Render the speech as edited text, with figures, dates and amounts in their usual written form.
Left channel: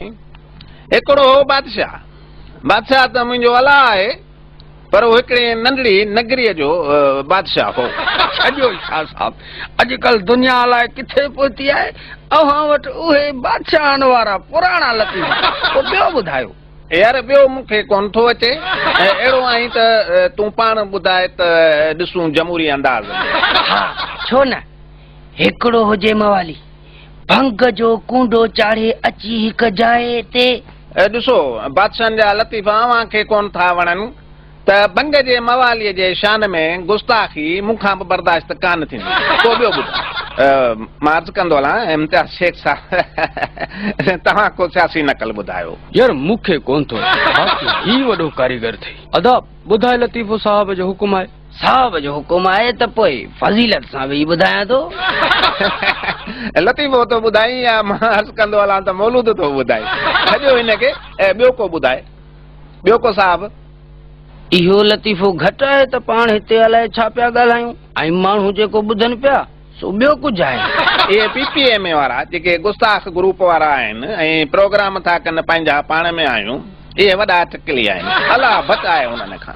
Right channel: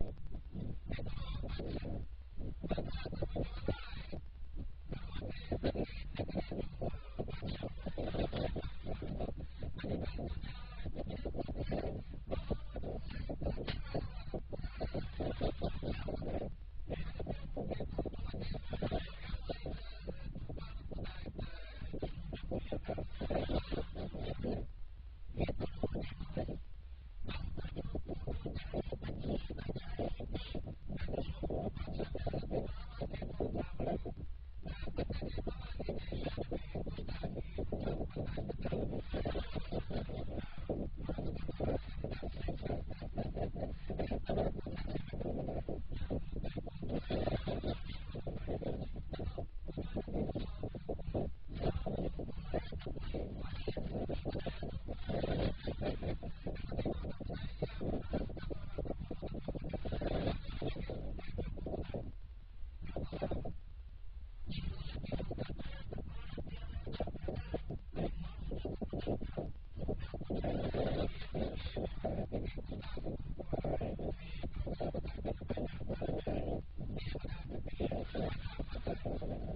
एकड़ो बादशाह बादशाह त मुंहिंजो अला आहे पर वो हिकिड़े नंढड़ी नगरीअ जो बादशाह हो। छॾियो शाह साहब, अॼुकल्ह दुनिया अलाए किथे पहुती आहे। अव्हां वटि उहे बादशाहनि वारा पुराणा लतीफ़, पोइ ॿियो ॿुधायो। यार ॿियो मूंखे कोन थो अचे। अहिड़ो आहीं त तूं पाण ॿुधाए त ॾिसूं जमहूरी अंदाज़ में। हा छो न, हिकिड़ो हुजे मवाली भंग जो कूंडो चाढ़े अची हिक जाइ ते। ॾिसो बादशाहनि जा लतीफ़ा अव्हां खे कोन था वणनि त भंग जे मवालीअ जे शान में गुस्ताखी मूंखां बि बर्दाश्त कान थींदी। को ॿियो ॿुधायो। मां अर्ज़ु कंदो हलां इम्तियाज़ शेख साहब तव्हां को सियासी नकल ॿुधायो। यार मूंखे कोन थो, बाक़ी ही वॾो कारीगर थी। अदाब ॿुधाए लतीफ़ो साहब जो हुकुम आहे। साहब जो हुकुम आहे त पोइ फज़ीलत सां वेही ॿुधायां थो। लतीफ़ो तो ॿुधाई या मां अर्ज़ु कंदो हलां त मौलूद तो ॿुधाई। छॾियो हिनखे ॿियो को ॿुधाए। ॿियो को साहब। इहो लतीफ़ो घटि आहे त पाण हिते अलाए छा पिया ॻाल्हायूं ऐं माण्हू जेको ॿुधनि पिया सो ॿियो कुझु आहे। इहे PPM वारा जेके गुस्ताख ग्रुप वारा आहिनि ऐं प्रोग्राम था कनि पंहिंजा पाण में आहियूं, इहे वॾा टिकली आहिनि। अलाह बचाए हुननि खां।